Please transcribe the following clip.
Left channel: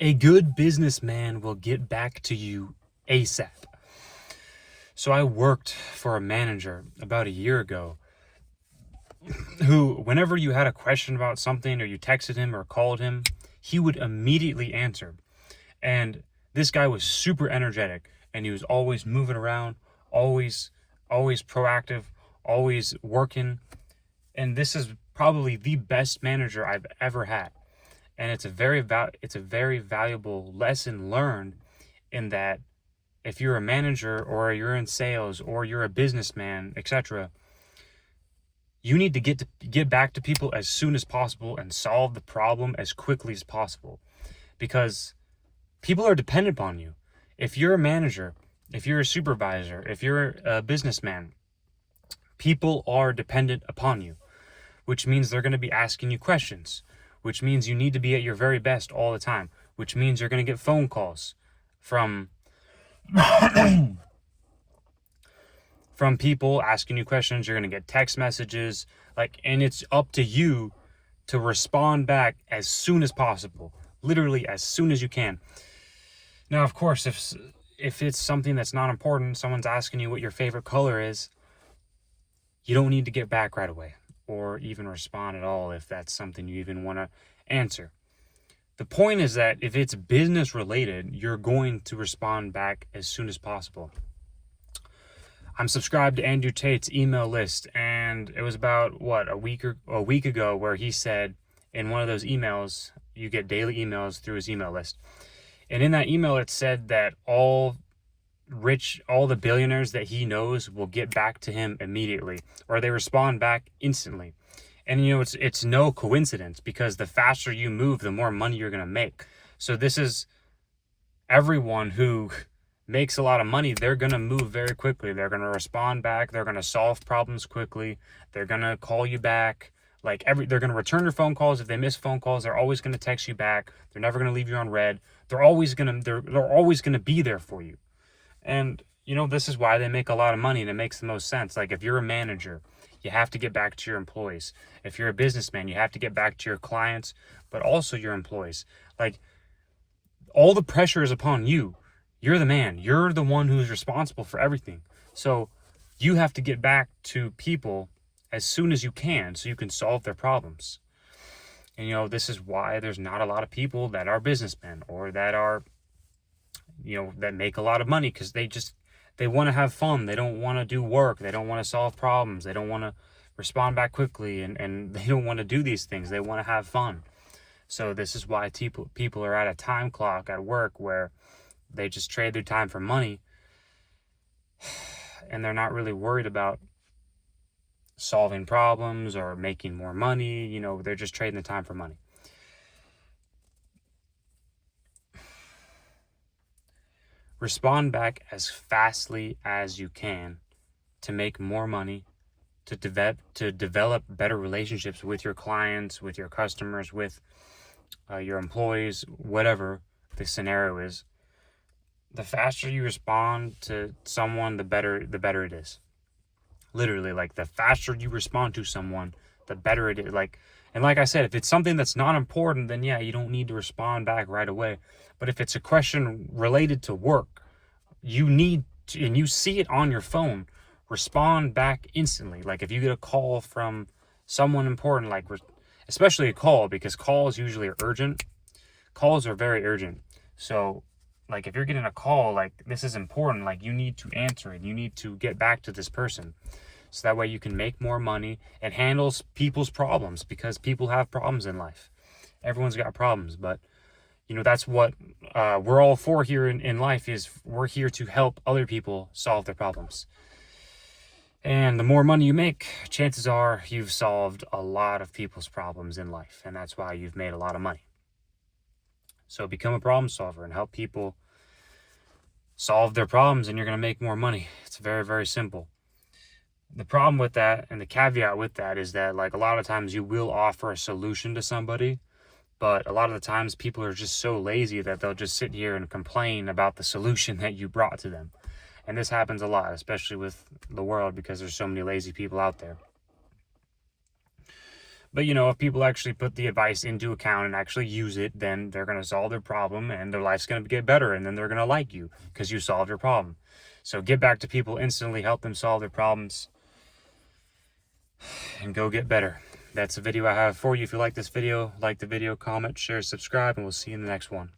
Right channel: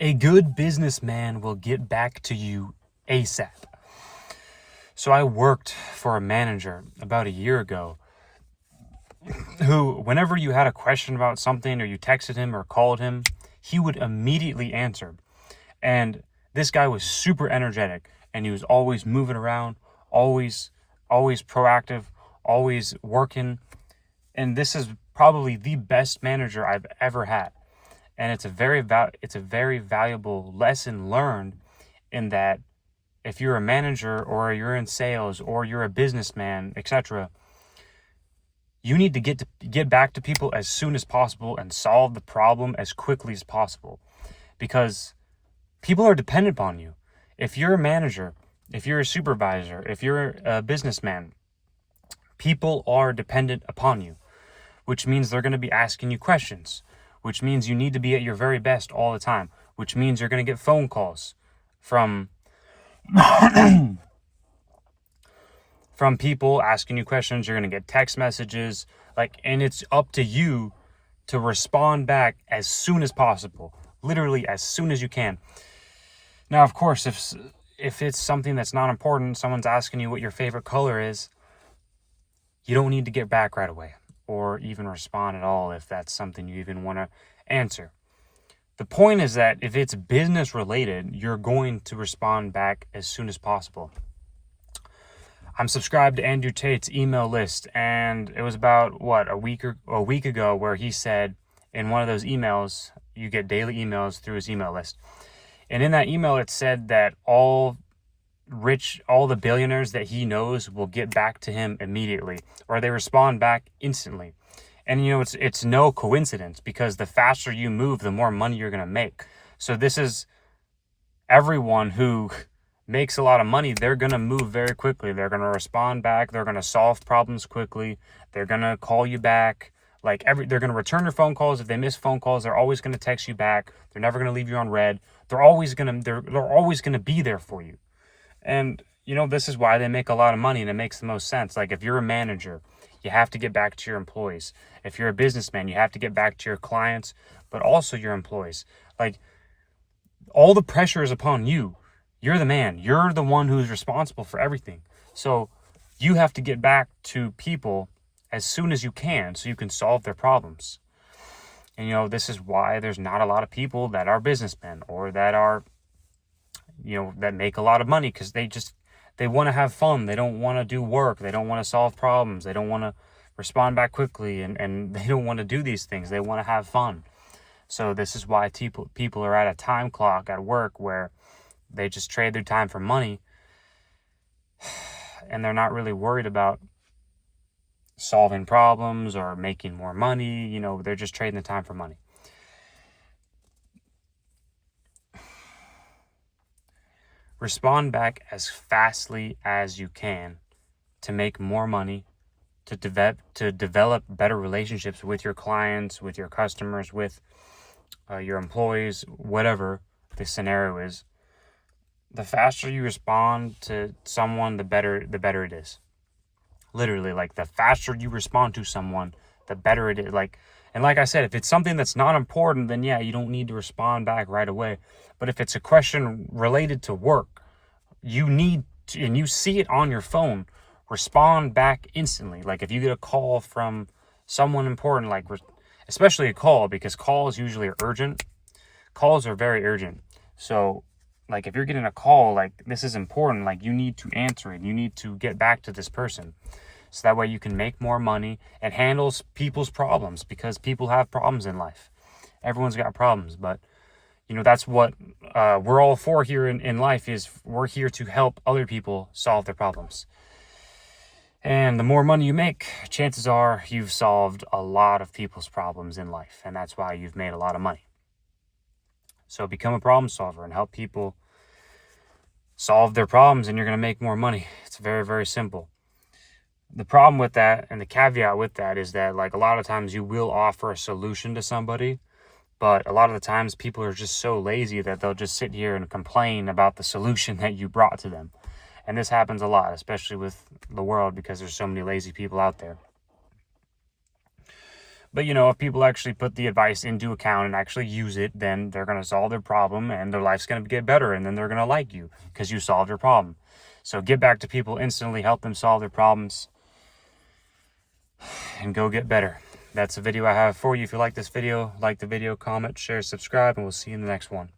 A good businessman will get back to you ASAP. So I worked for a manager about a year ago who, whenever you had a question about something or you texted him or called him, he would immediately answer. And this guy was super energetic and he was always moving around, always proactive, always working. And this is probably the best manager I've ever had. And it's a very valuable lesson learned in that if you're a manager or you're in sales or you're a businessman, etc., you need to get back to people as soon as possible and solve the problem as quickly as possible, because people are dependent upon you. If you're a manager, if you're a supervisor, if you're a businessman, people are dependent upon you, which means they're going to be asking you questions, which means you need to be at your very best all the time, which means you're going to get phone calls from from people asking you questions. You're going to get text messages, and it's up to you to respond back as soon as possible, literally as soon as you can. Now, of course, if it's something that's not important, someone's asking you what your favorite color is, you don't need to get back right away or even respond at all if that's something you even want to answer. The point is that if it's business related, you're going to respond back as soon as possible. I'm subscribed to Andrew Tate's email list, and it was about a week ago where he said in one of those emails, you get daily emails through his email list. And in that email, it said that all the billionaires that he knows will get back to him immediately, or they respond back instantly. And it's no coincidence, because the faster you move, the more money you're going to make. So this is everyone who makes a lot of money. They're going to move very quickly. They're going to respond back. They're going to solve problems quickly. They're going to call you back. They're going to return your phone calls. If they miss phone calls, they're always going to text you back. They're never going to leave you on red. They're always going to be there for you. And this is why they make a lot of money, and it makes the most sense. If you're a manager, you have to get back to your employees. If you're a businessman, you have to get back to your clients, but also your employees. All the pressure is upon you. You're the man. You're the one who's responsible for everything. So you have to get back to people as soon as you can so you can solve their problems. And this is why there's not a lot of people that are businessmen or that are that make a lot of money, because they want to have fun. They don't want to do work. They don't want to solve problems. They don't want to respond back quickly, and they don't want to do these things. They want to have fun. So this is why people are at a time clock at work where they just trade their time for money, and they're not really worried about solving problems or making more money. They're just trading the time for money. Respond back as fastly as you can to make more money, to develop better relationships with your clients, with your customers, with your employees, whatever the scenario is. The faster you respond to someone, the better it is. Literally, the faster you respond to someone, the better it is. And like I said, if it's something that's not important, then yeah, you don't need to respond back right away. But if it's a question related to work, you need to, and you see it on your phone, respond back instantly. If you get a call from someone important, especially a call, because calls usually are urgent. Calls are very urgent. So if you're getting a call, this is important, you need to answer it. You need to get back to this person. So that way you can make more money and handle people's problems, because people have problems in life. Everyone's got problems, but that's what we're all for here in life, is we're here to help other people solve their problems. And the more money you make, chances are you've solved a lot of people's problems in life, and that's why you've made a lot of money. So become a problem solver and help people solve their problems, and you're going to make more money. It's very, very simple. The problem with that, and the caveat with that, is that a lot of times you will offer a solution to somebody, but a lot of the times people are just so lazy that they'll just sit here and complain about the solution that you brought to them. And this happens a lot, especially with the world, because there's so many lazy people out there. But, you know, if people actually put the advice into account and actually use it, then they're going to solve their problem and their life's going to get better. And then they're going to like you because you solved their problem. So get back to people instantly, help them solve their problems, and go get better. That's the video I have for you. If you like this video, like the video, comment, share, subscribe, and we'll see you in the next one.